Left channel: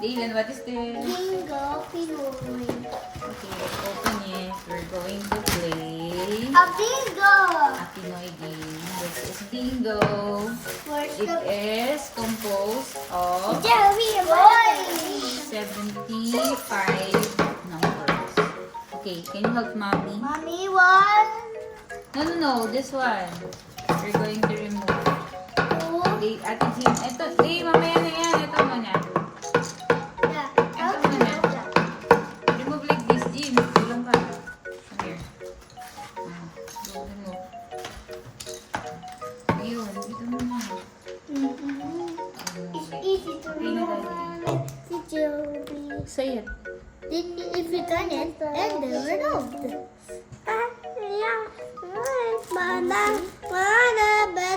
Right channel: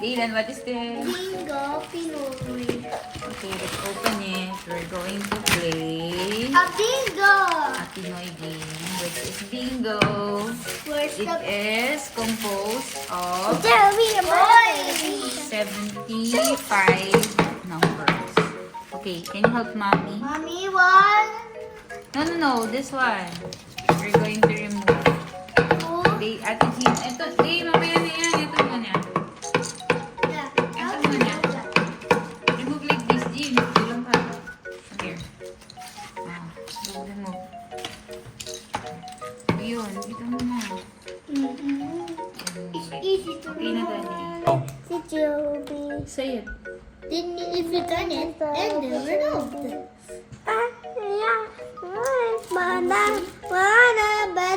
Galen, what is this? Bingo Pinoy. Okay, let's open it. We're going to play A bingo. a Pinoy game. This is bingo. Where's It the is composed of Jeremy boy? 75 numbers. Okay, can you help mommy? Mommy, one, No, this one. We're going to remove. two. Okay, Ate Jean. Ito, mamaya na yan. Ito muna. Yeah. Ito muna. Remove like this, Jean. Bilang ka. Okay. Now, remove. Ayun, ito muna. It's easy to Okay na, remove. Daddy. Oh. Did you be? Say it. Then if you turn it, then they removed.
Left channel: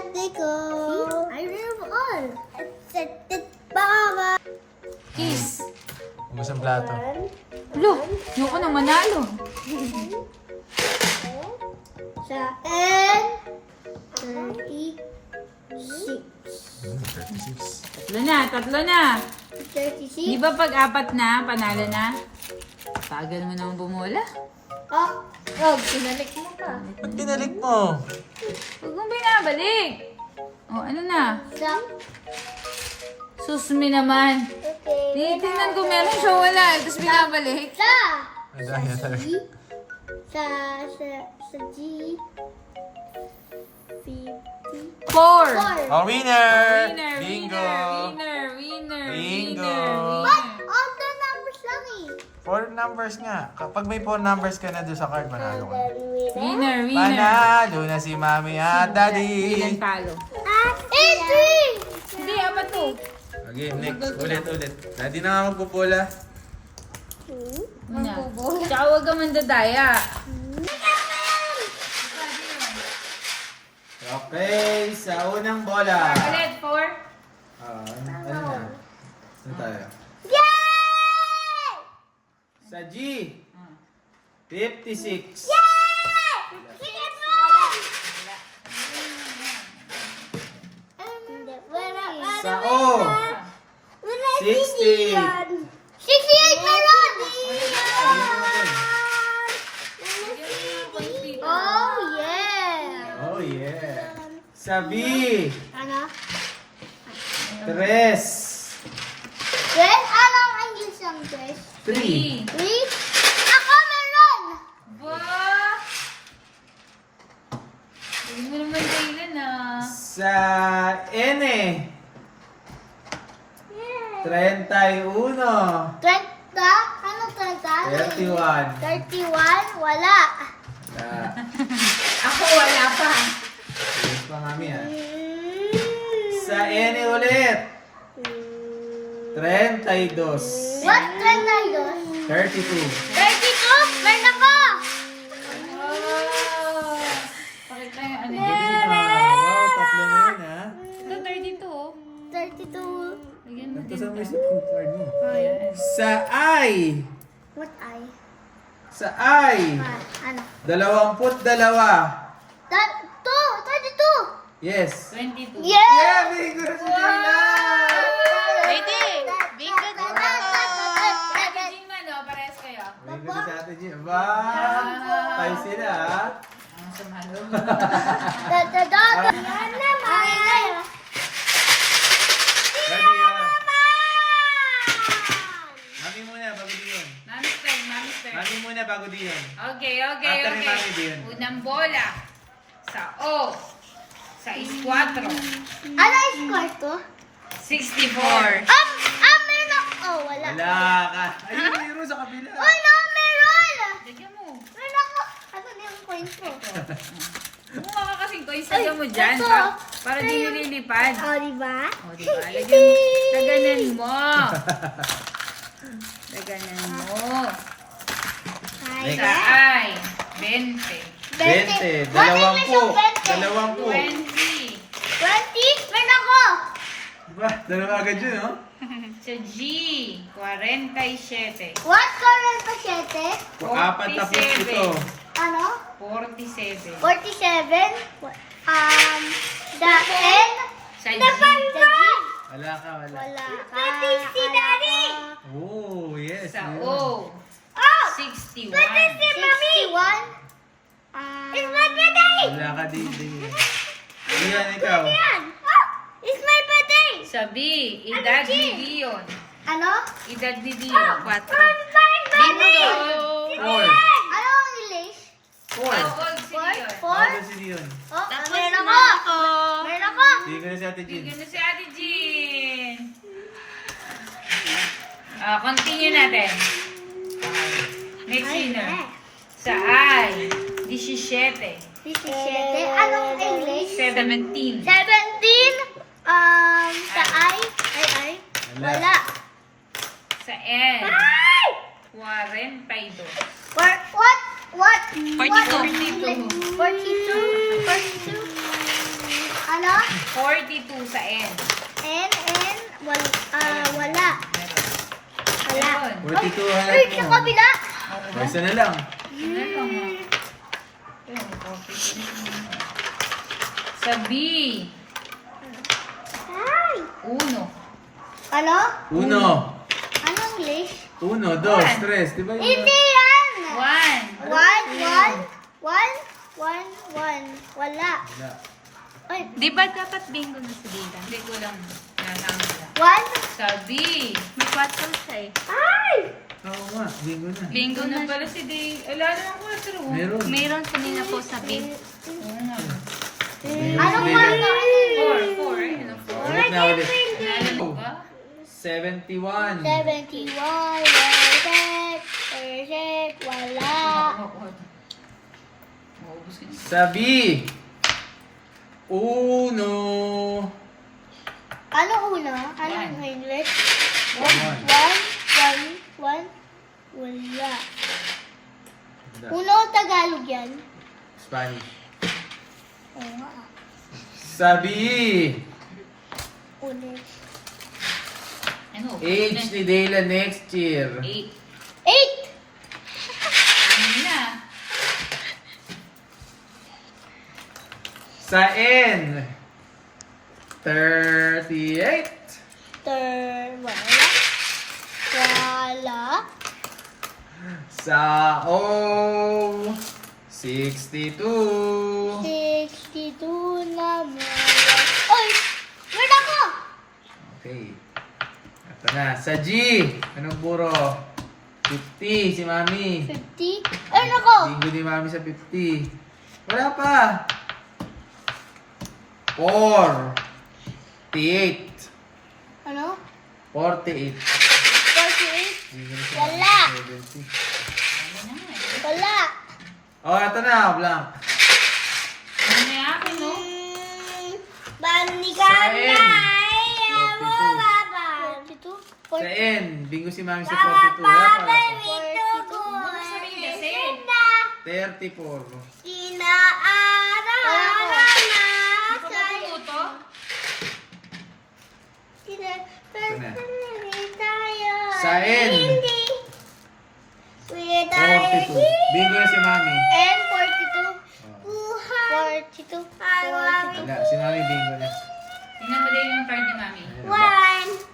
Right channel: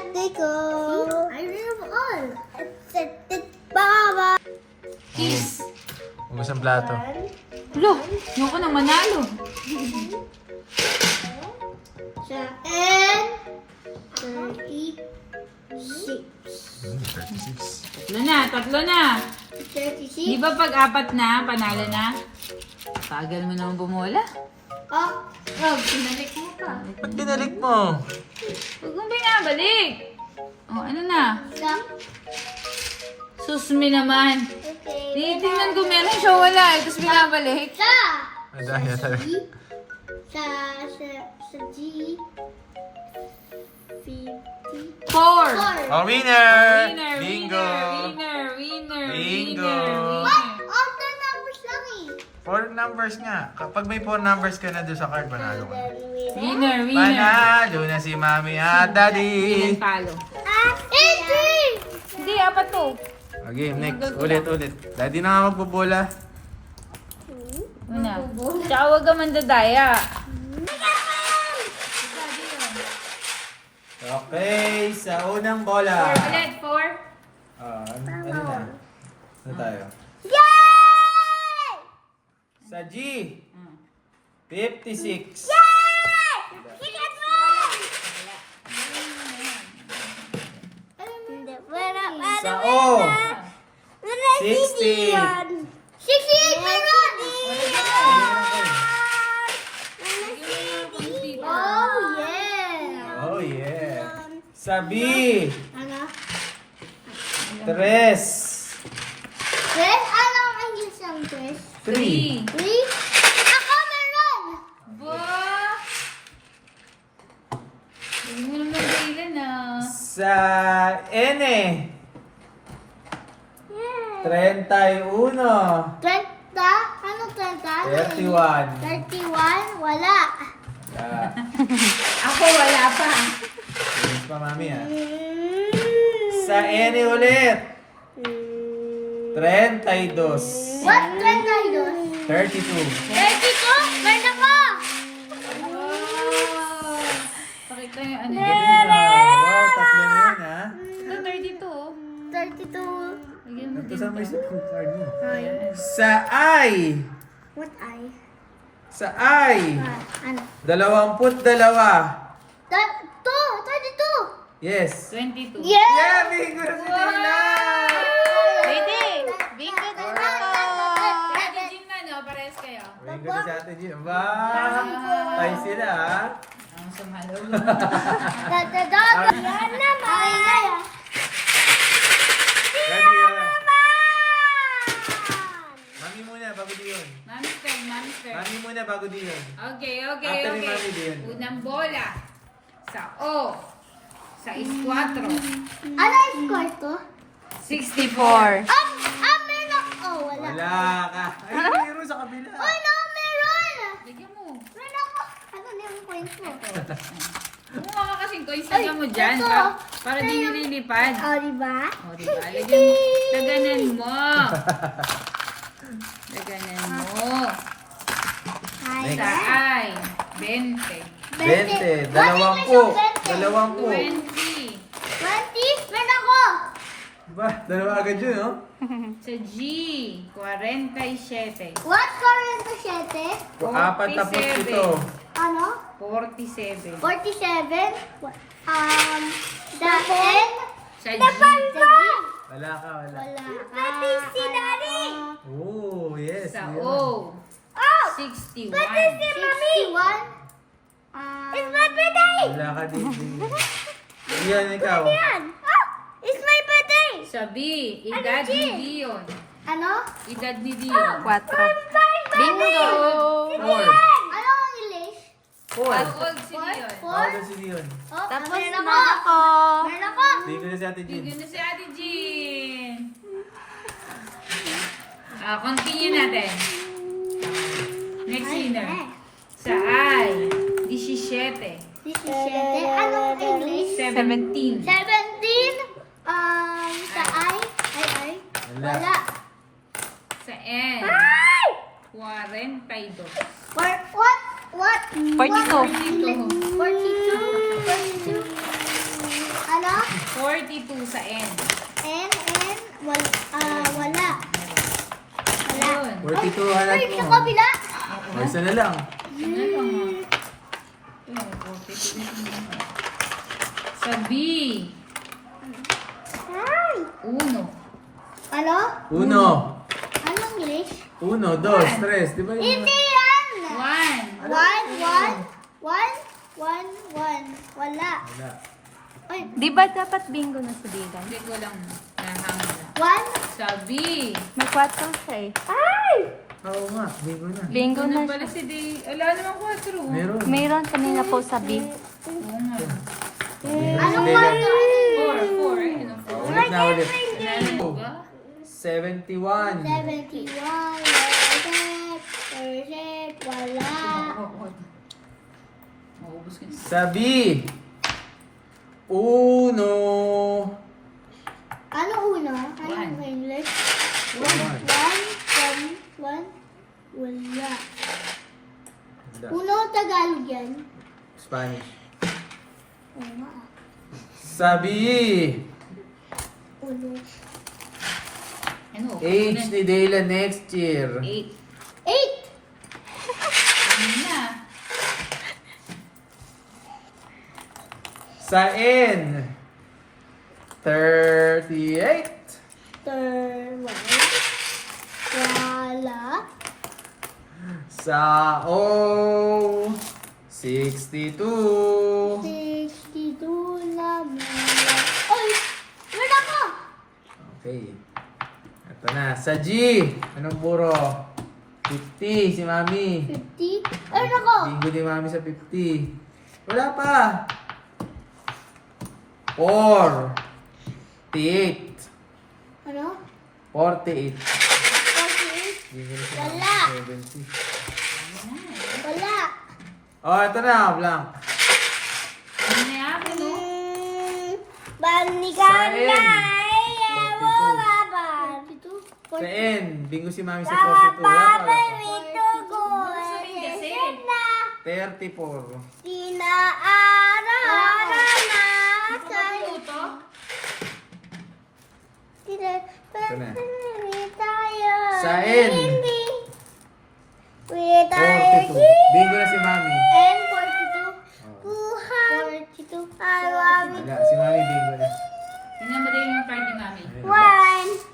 I remove all. Baba. Kiss. Ubus ang plato. Lo, yung ko nang manalo. Sa N 36. 36. Tatlo na. 36. Di ba pag apat na, panalo na? Tagal mo naman bumula. Oh, pinalik mo ka. Ba't binalik mo? Huwag mong binabalik. O, ano na? Sa, Susmi naman. okay. Tinitingnan ko meron siya wala. Tapos binabalik. Sa, Ay, dahil talaga. sa G, 50. 4. Oh, winner! Winner, Bingo! winner. Bingo. All the numbers lang eh. 4 numbers nga. Kapag may 4 numbers ka na doon sa card, manalo ka na. Winner. Panalo na si Mami at Daddy! Ilan talo? 80! Hindi, apat to. Okay, next. Ulit. Daddy na nga magbobola. Ano na? Tsaka huwag ka mandadaya. Okay, sa unang bola. 4 ulit, 4. Ano na? Ano tayo? Yay! Sa G, 56. Sa O, 60. 68 meron! Oh, yeah! Oh yeah. Sa B, Ano? 3. Dress? Alam ang isang dress. 3. 3? Ako meron! Ba? Hindi mo naman kailan ah. Sa N, 31. 30? Ano 30? 31. 31? Wala. Ah, Ako wala pa. yun pa, Mami ah. Sa N ulit, 32. What? 32? 32. 32? Meron ako! Wow. Pakita yung ano. Galing na. Wow, tatlo na yun ha. Ito 32 oh. 32. Lagyan mo Ito din sa may to. card mo. Ayan. Sa I. What I? Sa I. Ano? 22. 32! Yes. 22. Yeah! Yeah, bingo na si Gina! Pwede. Bingo din ako. Ate Ate Jean man oh, parehas kayo. Bingo na si Ate G. Ba? Tayo sila ha. Ang sumalo. Daddy ah. Mami muna bago diyan. Mami turn, mami turn. Mami muna bago diyan. Okay. After ni Mami din. Unang bola. Sa O. Sa is 4. Ano yung kwarto? 64. Meron ako. Oh, wala. Wala ka. Ay, meron sa kabila. Oh, no, meron! Lagyan mo. Meron ako. Ano na yung coins ko? Kumuha ka kasing coins, lagyan mo dyan. ito. Para di nililipad. Oh, diba? O, diba? Lagyan mo. Laganan mo. Laganan mo. Hi. Sa I. 20. 20. 20. 20. 20? Meron ako! Ba, dalawa agad yun, no? Sa G. 47. What current pa 7? 47. Ano? 47. 47? The N? Sa G. The G? Wala ka, wala. Wala ka. Si Daddy! Sa O. 61. 61. It's my birthday! Wala ka din. Iyan, ikaw. It's my birthday! Sa B. Edad ni Dion. Ano? Edad ni Dion. 4. Bingo! 4. Ano ang English? 4. How old si Dion? Ano si Dion? Oh, Tapos meron na ako. ako. Meron ako. Hindi ko na si Ate Jean. Bigyan na si Ate Jean. Continue natin. Next winner. Sa I. 17. 17. Anong English? 17. 17. Sa I? Wala. Sa N. Ay! 42. What? 42. 42. Ano? 42 sa N. Wala. Meron. 42 halat Ay, mo. sa kabila. Isa na lang. Ano lang ha? Ayun, 42 na. Sa B. Ay. 1. Ano? Uno. Anong English? 1, 2, 3. Di ba yun? Hindi yan. 1. Wala. Wala. Wala. Ay, Di ba dapat bingo na sa Dylan? Hindi ko lang nahangla. 1. Sa B. May 4 siya eh. Ay! Oo nga, bingo na. Bingo Ito na na pala siya. si Day. Ala naman 4. Meron. Mayroon kanina po sa B. Oo nga. Anong Sige kwarto? lang. 4. Ano 4? Ulit na ulit. Nalala mo ba? 71. 71. Perfect. Wala. Maubos ka na. Sa B. Uno. Ano uno? Anong One. English? 1. Wala. Wala. Uno, Tagalog yan. Spanish. Oo nga. Sa B. Ulit. Ano? Age ni Dayla next year. 8. 8. Ano na? Sa N. 38. Wala. Sa O. 62. 62 na wala. Oy! Wala ko! Okay. Ito na. Sa G. Anong puro? 50 si Mami. 50. Ay, nako! Bingo ni Mami sa 50. Wala pa. 48. Ano? 48. 48. Bingo ni si Wala. Mami sa 70. Wala. Oh, ito na. Blank. Ano na yung akin, no? Bani ka Sa N. 42. Sa N. Bingo si Mami sa 42. Wala pa. Wala pa. Ano sabihin kasi? 34. Hindi ko matututo? Ito na. Sa N. 42. Bingo na si Mami. N, 42. Oh. 42. Wala. Si Mami bingo na. Tingnan mo din yung card ni Mami. Ayan, box.